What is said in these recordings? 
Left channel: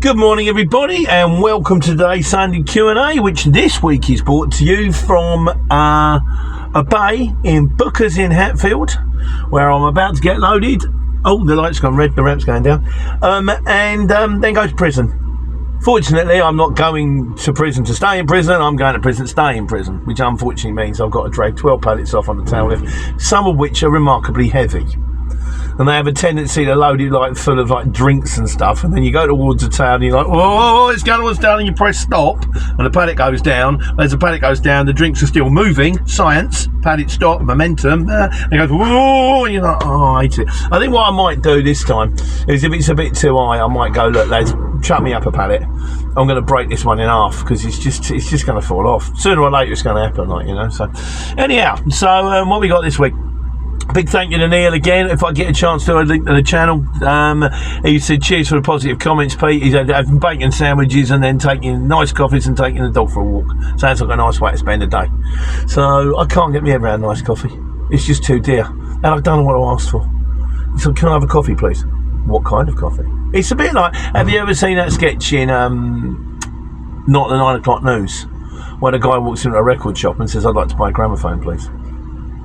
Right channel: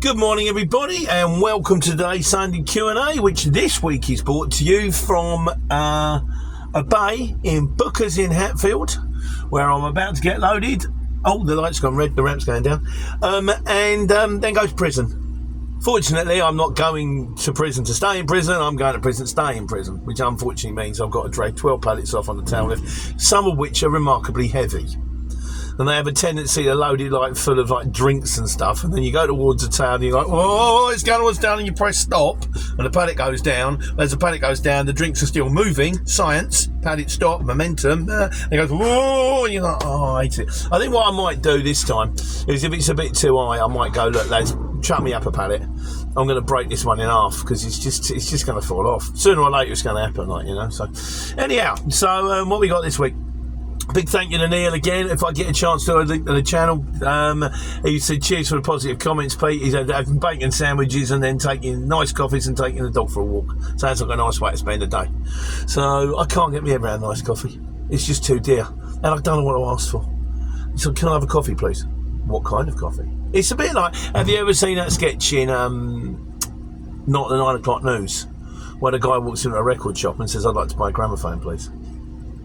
Good morning, everybody, and welcome to today's Sunday Q&A, which this week is brought to you from a bay in Booker's in Hatfield, where I'm about to get loaded. Oh, the light's gone red, the ramp's going down, and then go to prison. Fortunately, I'm not going to prison to stay in prison. I'm going to prison to stay in prison, which unfortunately means I've got to drag 12 pallets off on the tail lift, some of which are remarkably heavy. And they have a tendency to load it like full of like drinks and stuff, and then you go towards the town and you're like, oh, it's going towards down, and you press stop and the paddock goes down. As the paddock goes down, the drinks are still moving. Science, paddock stop, momentum, and it goes, whoa, and you're like, oh, I hate it. I think what I might do this time is, if it's a bit too high, I might go, look lads, chuck me up a pallet. I'm going to break this one in half because it's just going to fall off. Sooner or later it's going to happen, like, you know. So anyhow, so what we got this week? Big thank you to Neil again. If I get a chance to, a link to the channel. He said cheers for the positive comments, Pete. He's having bacon sandwiches and then taking nice coffees and taking the dog for a walk. Sounds like a nice way to spend a day. So I can't get me head around nice coffee. It's just too dear. And I don't know what to ask for. So can I have a coffee, please? What kind of coffee? It's a bit like, have you ever seen that sketch in Not the 9 o'clock news, where the guy walks into a record shop and says, I'd like to buy a gramophone, please.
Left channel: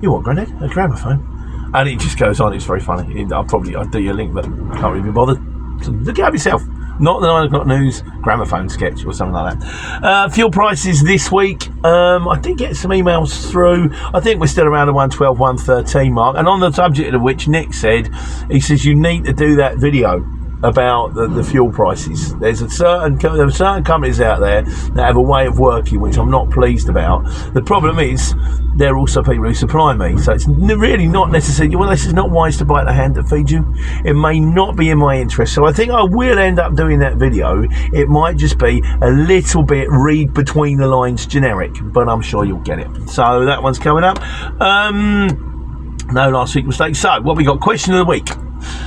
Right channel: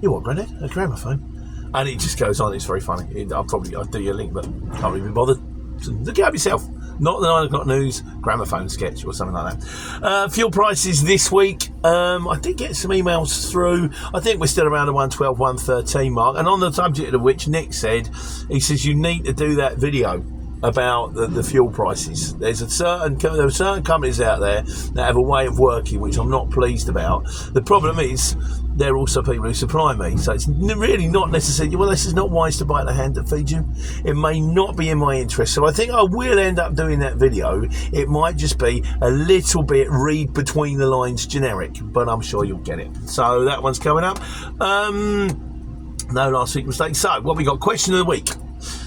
You what, Granddad? A gramophone? And it just goes on. It's very funny. I'll do you a link, but I can't really be bothered. So look it up yourself. Not the 9 o'clock news gramophone sketch or something like that. Fuel prices this week. I did get some emails through. I think we're still around the 112, 113 mark. And on the subject of which Nick said, he says you need to do that video about the fuel prices. There are certain companies out there that have a way of working which I'm not pleased about. The problem is they're also people who supply me, so it's really not necessarily, well, this is not wise to bite the hand that feeds you. It may not be in my interest, so I think I will end up doing that video. It might just be a little bit read between the lines generic, but I'm sure you'll get it. So that one's coming up. No last week mistakes. So what we got? Question of the week.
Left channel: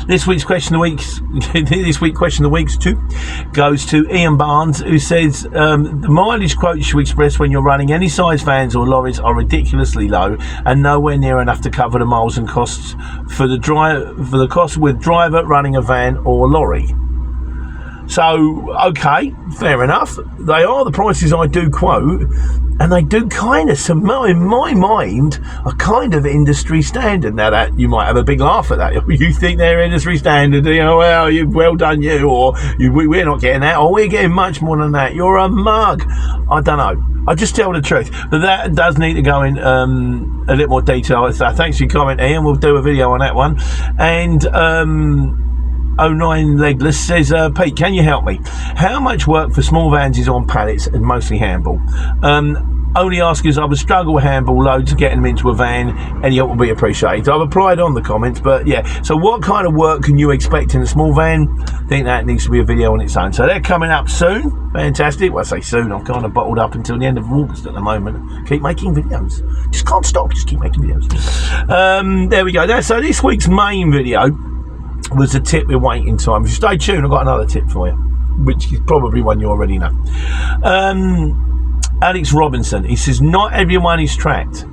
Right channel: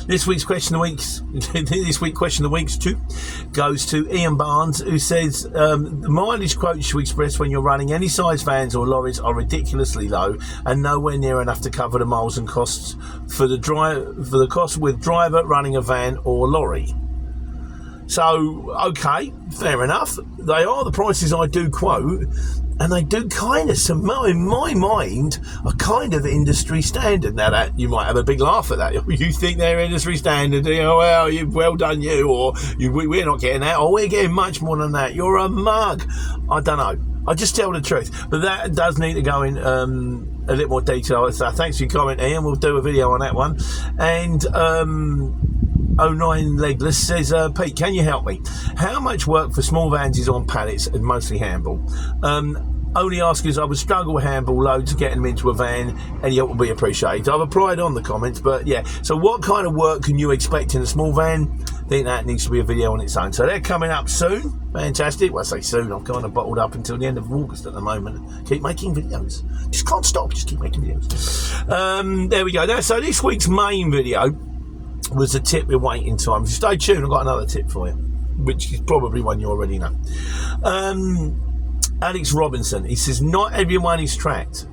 This week's question of the week goes to Ian Barnes, who says the mileage quotes you express when you're running any size vans or lorries are ridiculously low and nowhere near enough to cover the miles and costs for the cost with driver running a van or lorry. So, okay, fair enough. They are the prices I do quote, and they do kind of, in my mind, are kind of industry standard. Now that you might have a big laugh at that. You think they're industry standard, you know, well done you, or we're not getting that, or we're getting much more than that. You're a mug. I don't know. I just tell the truth. But that does need to go in a little more detail. So thanks for your comment, Ian. We'll do a video on that one. And 09 Legless says, Pete, can you help me? How much work for small vans is on pallets and mostly handball? Only ask is I would struggle with handball loads getting them into a van. Any help will be appreciated. I've applied on the comments, but yeah. So what kind of work can you expect in a small van? I think that needs to be a video on its own. So they're coming up soon. Fantastic. Well, I say soon. I'm kind of bottled up until the end of August at the moment. Keep making videos. Just can't stop. Just keep making videos. There we go. So this week's main video was a tip with waiting time. If you stay tuned, I've got another tip for you, which is probably one you already know. Alex Robinson, he says, not everyone is tracked.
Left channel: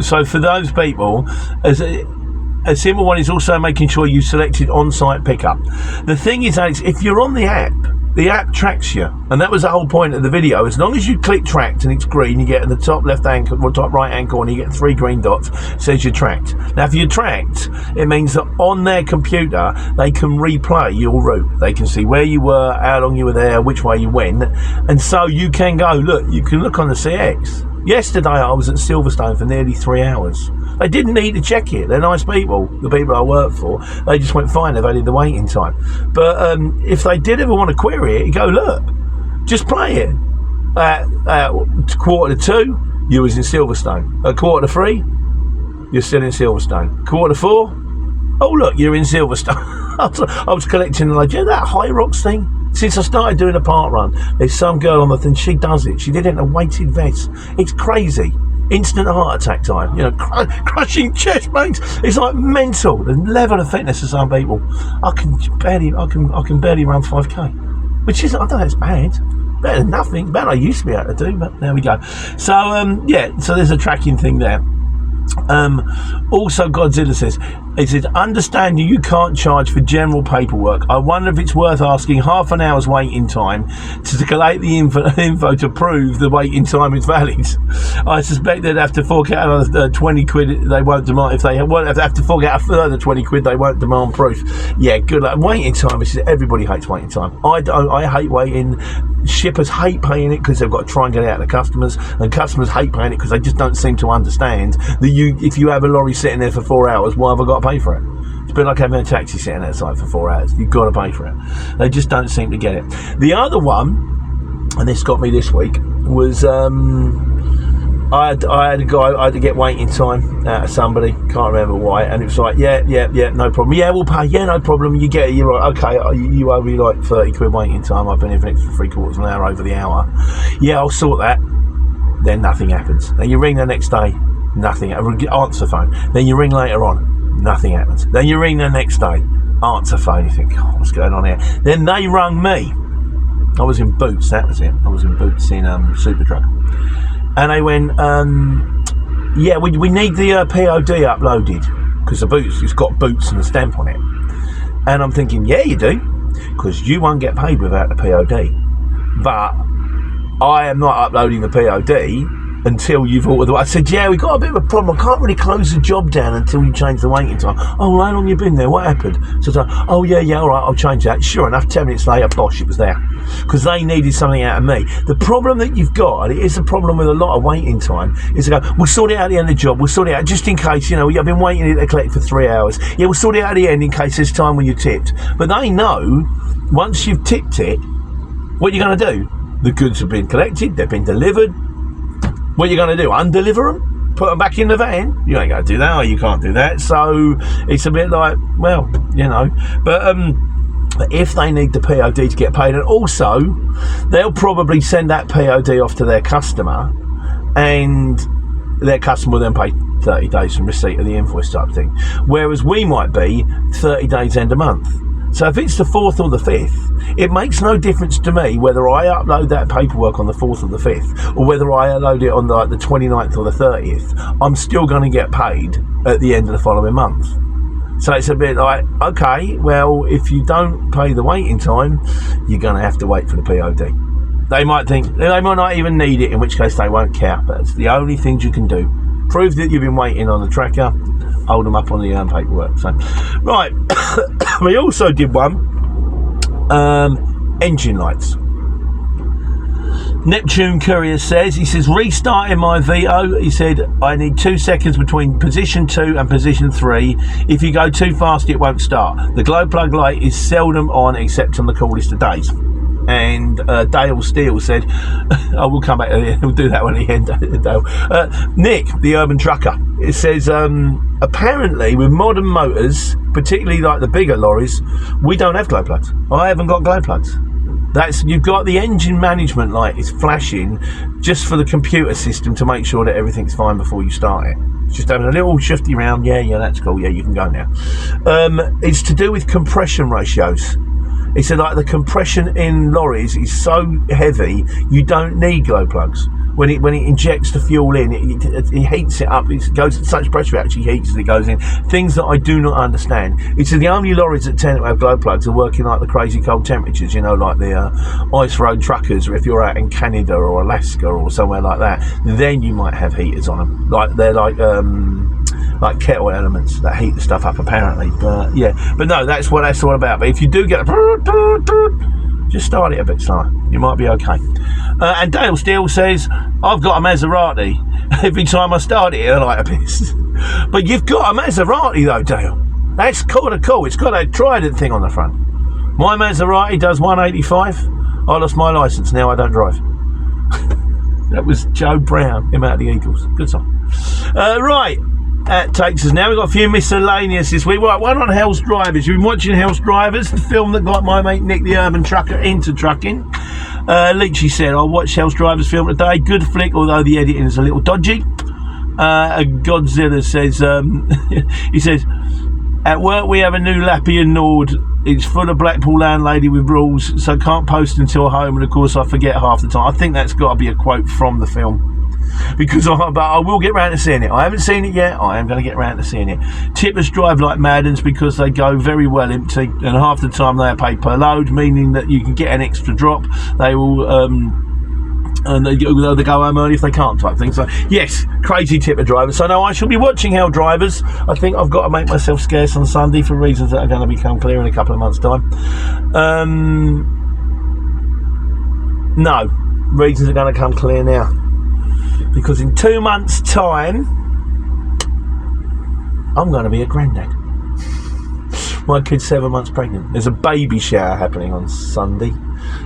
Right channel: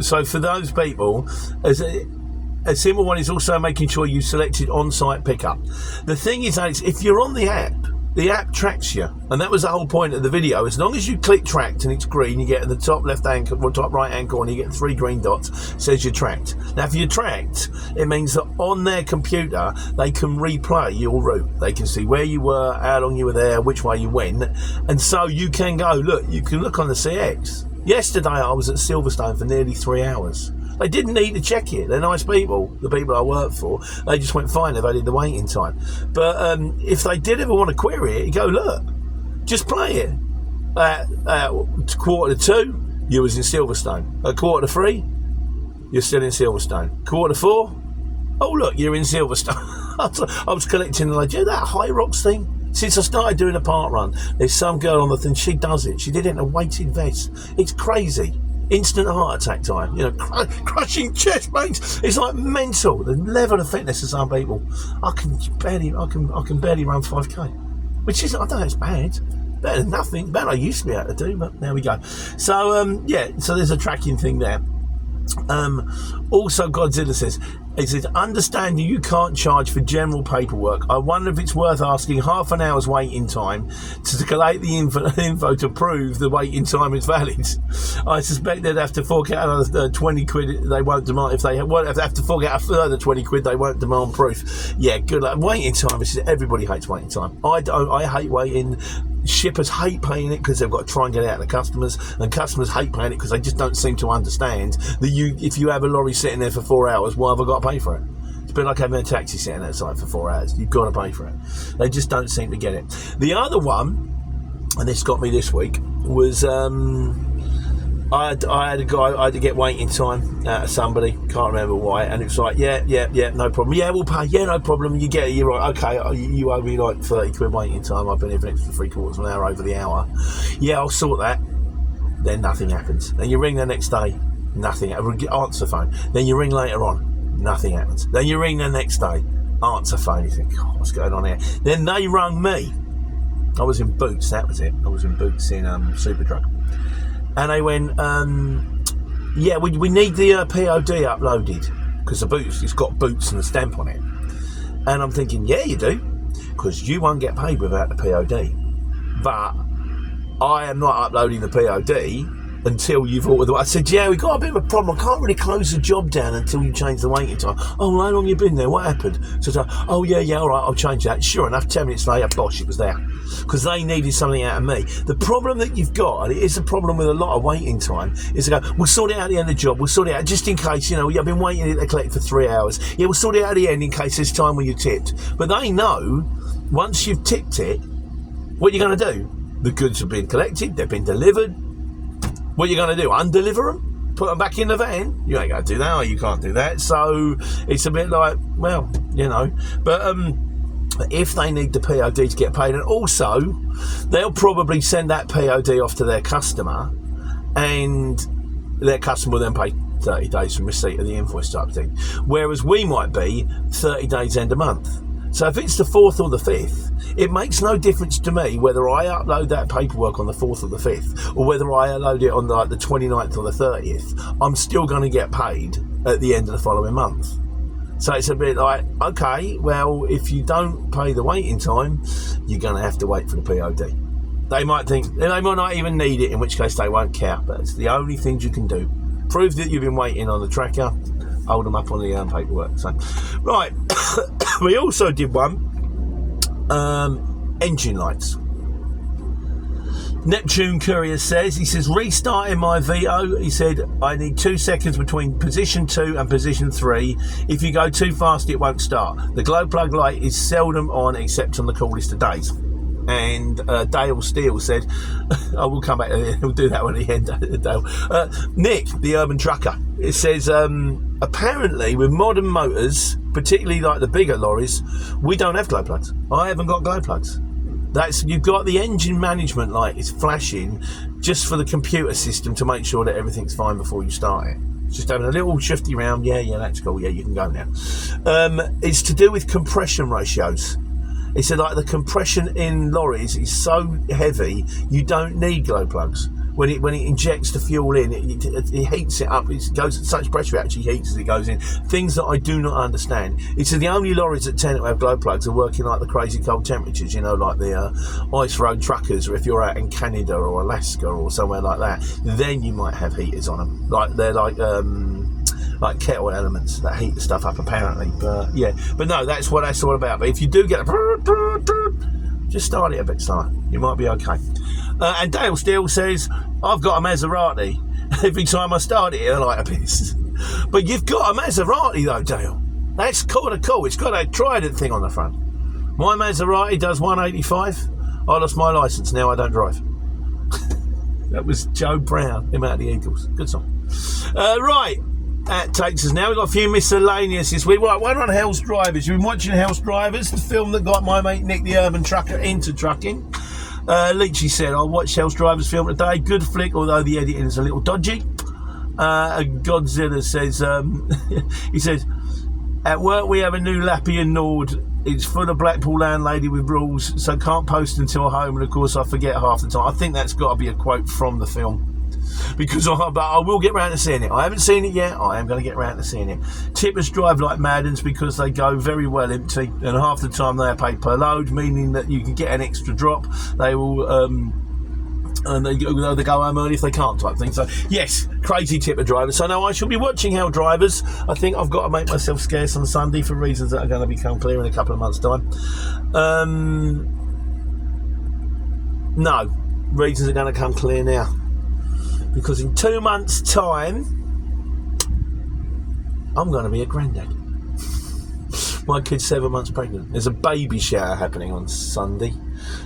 So for those people, a simple one is also making sure you selected on-site pickup. The thing is, Alex, if you're on the app tracks you, and that was the whole point of the video. As long as you click tracked and it's green, you get in the top left hand or top right hand corner, you get 3 green dots, says you're tracked. Now if you're tracked, it means that on their computer they can replay your route. They can see where you were, how long you were there, which way you went, and so you can go, look, you can look on the CX. Yesterday I was at Silverstone for nearly 3 hours. They didn't need to check it. They're nice people, the people I work for. They just went fine, they've added the waiting time. But if they did ever want to query it, you go, look, just play it. At 1:45, you was in Silverstone. At 3:45, you're still in Silverstone. 4:45, oh look, you're in Silverstone. I was collecting like, you know that High Rocks thing? Since I started doing a park run, there's some girl on the thing, she does it. She did it in a weighted vest. It's crazy. Instant heart attack time, you know, crushing chest pains. It's like mental. The level of fitness of some people. I can barely run 5k, which is, I don't know, it's bad. Better than nothing. Better than I used to be able to do, but there we go. So yeah, so there's a tracking thing there. Also, Godzilla says, It says, understanding you can't charge for general paperwork, I wonder if it's worth asking half an hour's waiting time to collate the info to prove the waiting time is valid. I suspect they'd have to fork out another 20 quid they won't demand. If they have to fork out a further 20 quid, they won't demand proof. Yeah, good luck. Waiting time, everybody hates waiting time. I hate waiting. Shippers hate paying it because they've got to try and get it out of the customers, and customers hate paying it because they just don't seem to understand that if you have a lorry sitting there for 4 hours, why have I got to pay for it? It's a bit like having a taxi sitting outside for 4 hours. You've got to pay for it. They just don't seem to get it. The other one, and this got me this week, was I had a guy, I had to get waiting time out of somebody, can't remember why, and it was like, yeah, no problem. Yeah, we'll pay, yeah, no problem. You get it, you're right, okay, you owe me like 30 quid waiting time. I've been here for an extra 3/4 of an hour over the hour. Yeah, I'll sort that. Then nothing happens. Then you ring the next day, nothing, answer phone. Then you ring later on, nothing happens. Then you ring the next day, answer phone. You think, oh, what's going on here? Then they rung me. I was in Boots, that was it. I was in Boots in Superdrug. And they went, yeah, we need the POD uploaded because the Boots, it's got Boots and a stamp on it. And I'm thinking, yeah, you do, because you won't get paid without the POD. But I am not uploading the POD until you've ordered the... I said, yeah, we've got a bit of a problem. I can't really close the job down until you change the waiting time. Oh, well, how long have you been there? What happened? So I said, oh, yeah, all right, I'll change that. Sure enough, 10 minutes later, bosh, it was there. Because they needed something out of me. The problem that you've got, and it is a problem with a lot of waiting time, is to go, we'll sort it out at the end of the job, we'll sort it out just in case, I've been waiting to collect for 3 hours. Yeah, we'll sort it out at the end in case there's time when you tipped. But they know, once you've tipped it, what you're going to do? The goods have been collected, they've been delivered. What are you going to do? Undeliver them? Put them back in the van? You ain't going to do that, or you can't do that. So it's a bit like, well, But if they need the POD to get paid, and also they'll probably send that POD off to their customer, and their customer will then pay 30 days from receipt of the invoice type thing. Whereas we might be 30 days end of month. So if it's the 4th or the 5th, it makes no difference to me whether I upload that paperwork on the 4th or the 5th, or whether I upload it on the 29th or the 30th. I'm still going to get paid at the end of the following month. So it's a bit like, okay, well, if you don't pay the waiting time, you're going to have to wait for the POD. They might think, they might not even need it, in which case they won't care, but it's the only things you can do. Prove that you've been waiting on the tracker, hold them up on the paperwork. So, right, we also did one, engine lights. Neptune Courier says, he says, restarting my Vito, he said, I need 2 seconds between position 2 and position 3. If you go too fast, it won't start. The glow plug light is seldom on except on the coolest of days. And Dale Steele said, I will come back to it, we'll do that one at the end, Dale. Nick, the urban trucker, it says, apparently with modern motors, particularly like the bigger lorries, we don't have glow plugs. I haven't got glow plugs. You've got the engine management light is flashing just for the computer system to make sure that everything's fine before you start it. It's just having a little shifty round. Yeah, that's cool. Yeah, you can go now. It's to do with compression ratios. He said, like, the compression in lorries is so heavy, you don't need glow plugs. When it injects the fuel in, it heats it up. It goes at such pressure, it actually heats as it goes in. Things that I do not understand. He said the only lorries that tend to have glow plugs are working like the crazy cold temperatures, like the ice road truckers, or if you're out in Canada or Alaska or somewhere like that, then you might have heaters on them. They're like kettle elements that heat the stuff up, apparently. But no, that's what that's all about. But if you do get just start it a bit slower, you might be okay. And Dale Steele says, I've got a Maserati. Every time I start it, I like a piss. But you've got a Maserati though, Dale. That's kind of cool. It's got a Trident thing on the front. My Maserati does 185. I lost my licence, now I don't drive. That was Joe Brown, him out of the Eagles. Good song. Right. That takes us now. We've got a few miscellaneous this week. Right, one on Hell's Drivers. You've been watching Hell's Drivers, the film that got my mate Nick the Urban Trucker into trucking. Leachy said, I watched Hell's Drivers film today. Good flick, although the editing is a little dodgy. Godzilla says, he says, at work we have a new Lappy and Nord. It's full of Blackpool landlady with rules, so can't post until home, and of course I forget half the time. I think that's got to be a quote from the film. but I will get round to seeing it. I haven't seen it yet. I am going to get round to seeing it. Tippers drive like mad uns because they go very well empty, and half the time they are paid per load, meaning that you can get an extra drop. They will and they go home early if they can't, type thing. So yes, crazy tipper drivers. So now I shall be watching how drivers. I think I've got to make myself scarce on Sunday for reasons that are going to become clear in a couple of months' time. No, reasons are going to come clear now, because in 2 months' time I'm going to be a granddad. My kid's 7 months pregnant. There's a baby shower happening on Sunday,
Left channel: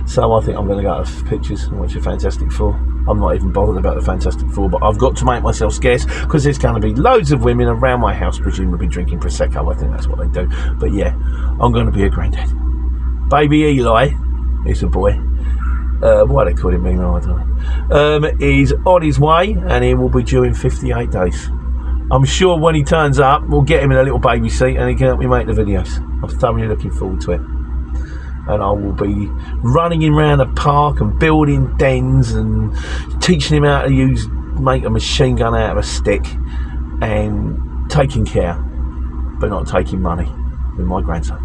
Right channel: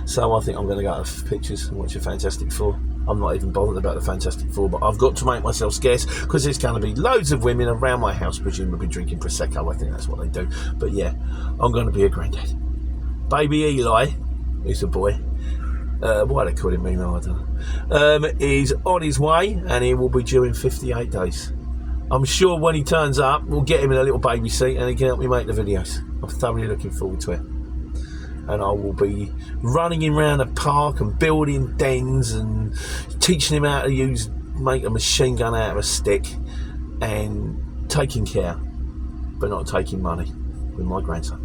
so I think I'm going to go to pictures and watch a Fantastic Four. I'm not even bothered about the Fantastic Four, but I've got to make myself scarce because there's going to be loads of women around my house, presumably drinking Prosecco. I think that's what they do. But yeah, I'm going to be a granddad. Baby Eli, he's a boy. Why they call him Eli, I don't know. Is on his way, and he will be due in 58 days. I'm sure when he turns up, we'll get him in a little baby seat and he can help me make the videos. I'm thoroughly looking forward to it. And I will be running him around a park and building dens and teaching him how to make a machine gun out of a stick and taking care, but not taking money, with my grandson.